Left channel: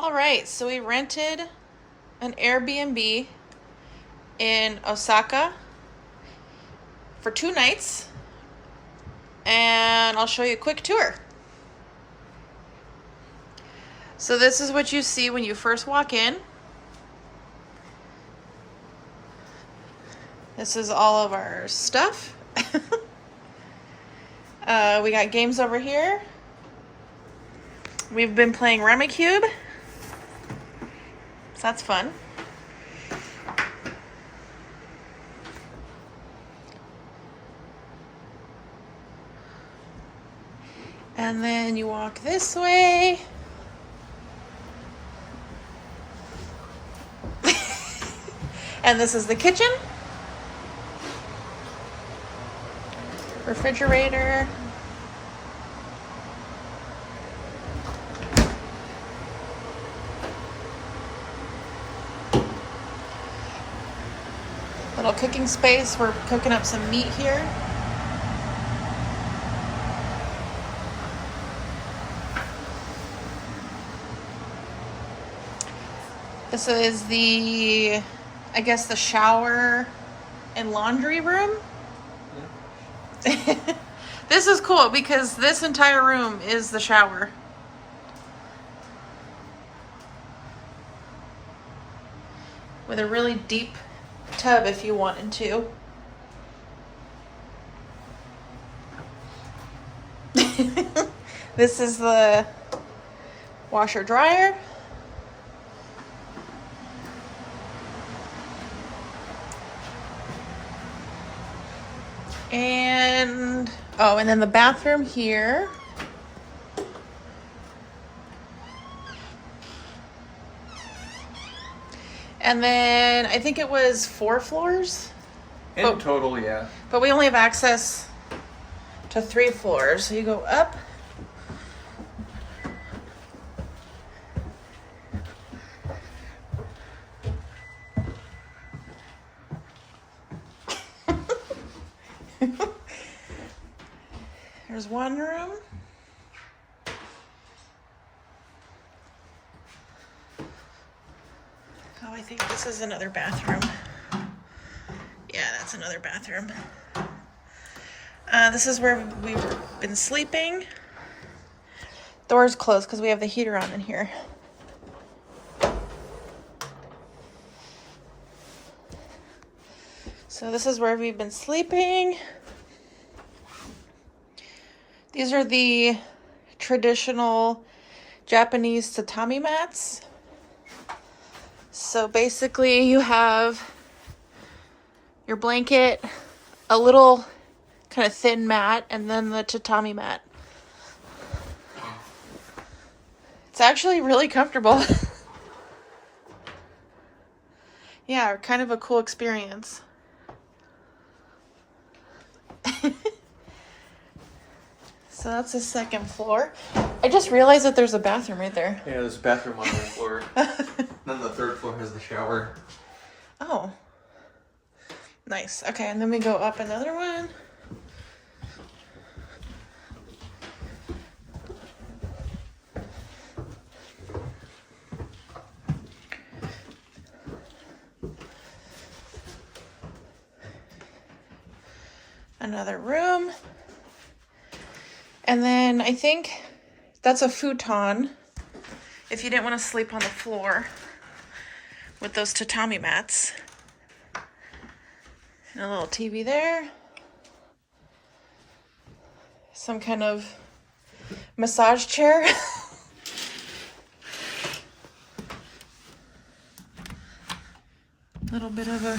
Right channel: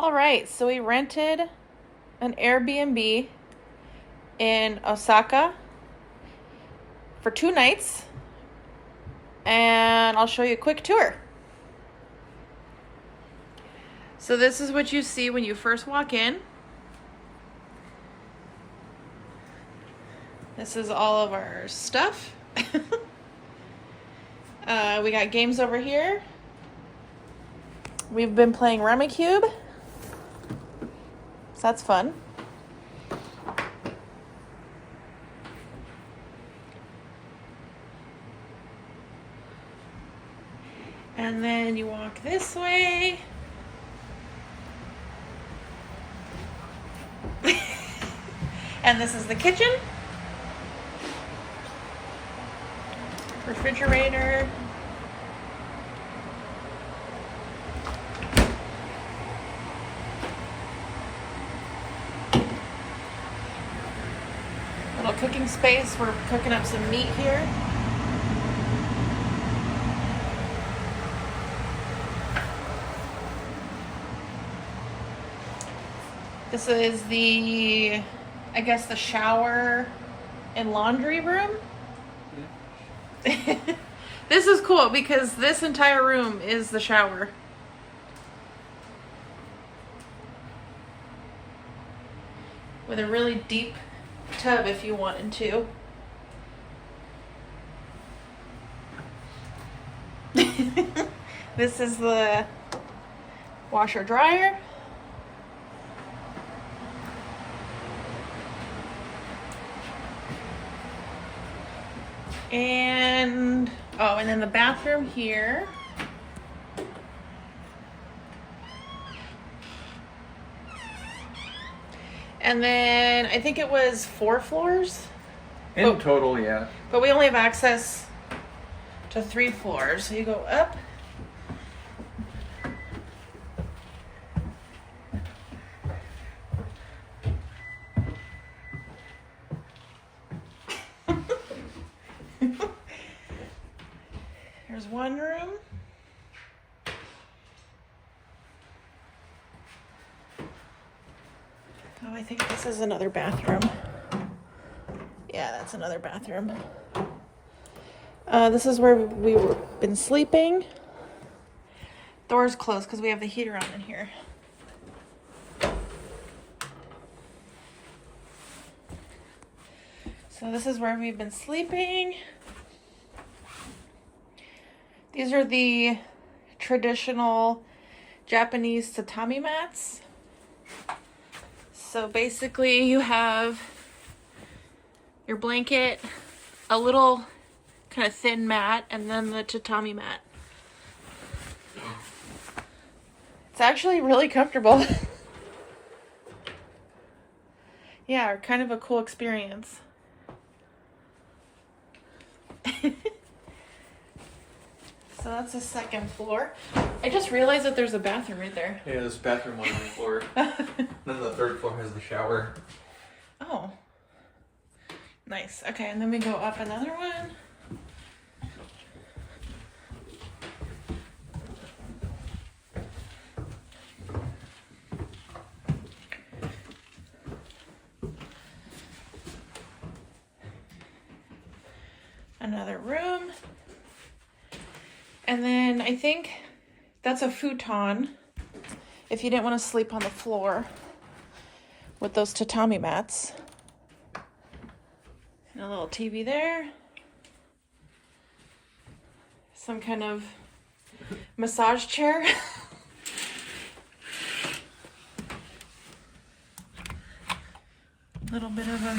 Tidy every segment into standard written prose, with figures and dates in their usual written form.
All right, so we rented an Airbnb in Osaka for 2 nights, and I'll show you a quick tour. So this is what you see when you first walk in. This is all of our stuff. We got games over here. We've been playing Rummikub, so that's fun. And then you walk this way. And this is the kitchen. Refrigerator. Little cooking space. We're cooking up some meat here. This is the, I guess, the shower and laundry room. Yeah. This is cool because this entire room is the shower. With a really deep tub if you wanted to. This is the washer dryer. And then the bathroom here. And then I think it was 4 floors. In total, yeah. But we only have access to 3 floors. So you go up. There's one room. Oh, I think this is another bathroom. Yeah, that's another bathroom. This is where we've been sleeping. Door's closed because we have the heater on in here. So this is where we've been sleeping. These are the traditional Japanese tatami mats. So basically you have your blanket, a little kind of thin mat, and then the tatami mat. It's actually really comfortable. Yeah, kind of a cool experience. So that's the second floor. I just realized that there's a bathroom right there. Yeah, there's a bathroom on the floor. Then the third floor has the shower. Oh. Nice. Okay, and then we go up another one. Another room. And then I think that's a futon if you didn't want to sleep on the floor with those tatami mats. And a little TV there. Some kind of massage chair. Little bit of a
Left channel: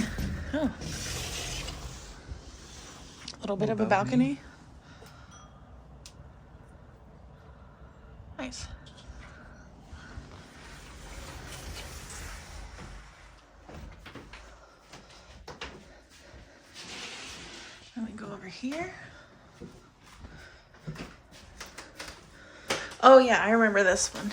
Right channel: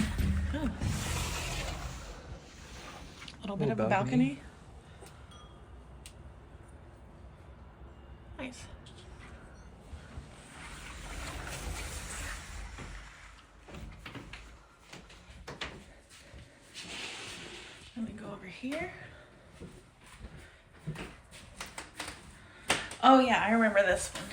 little bit of a balcony. Nice. Let me go over here. Oh yeah, I remember this one.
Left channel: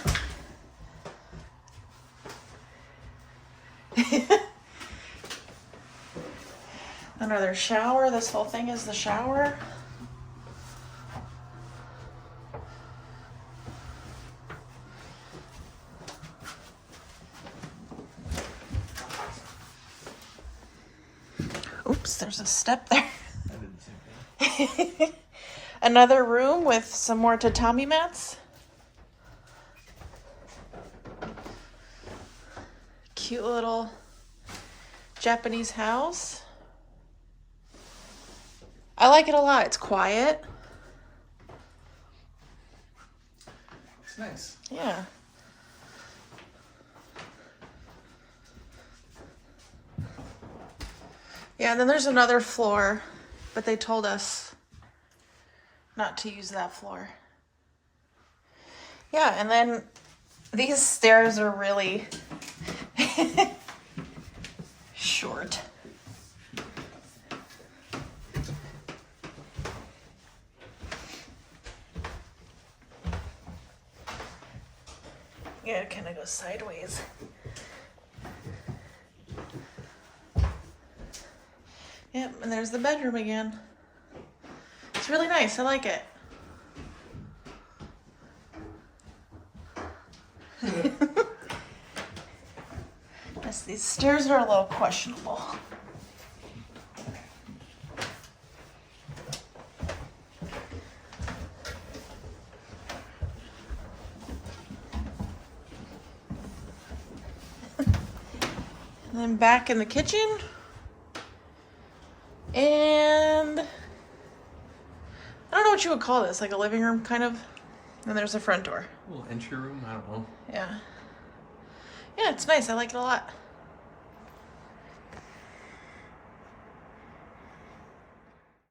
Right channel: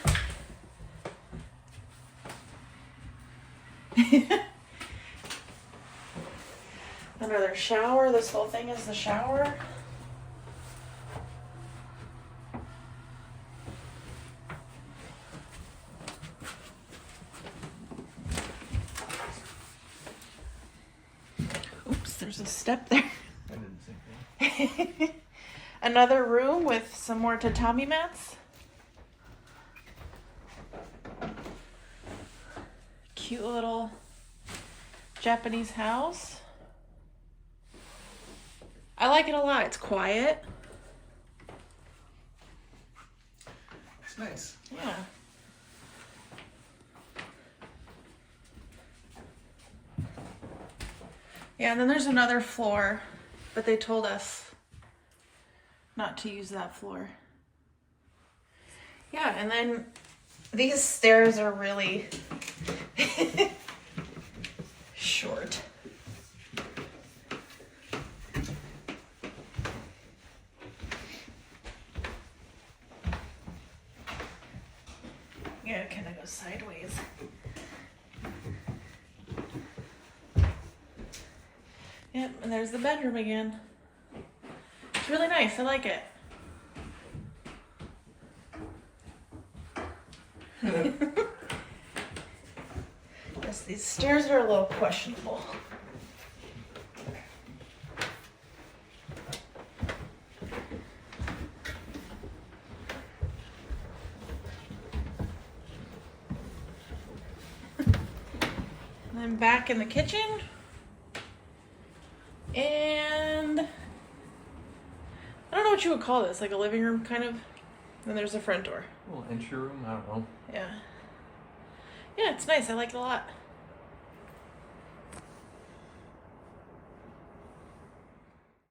Another shower. This whole thing is the shower. notice there's a step there. I did the same thing. Another room with some more tatami mats. Cute little Japanese house. I like it a lot. It's quiet. It's nice. Yeah. Yeah, and then there's another floor, but they told us not to use that floor. Yeah, and then these stairs are really short. Yeah, it kind of goes sideways. Yep, and there's the bedroom again. It's really nice. I like it. Yes, these stairs are a little questionable. And then back in the kitchen. And I don't know what you would call this, like a living room kind of. And there's a front door. A little entry room, I don't know. Yeah. Yeah, it's nice. I like it a lot.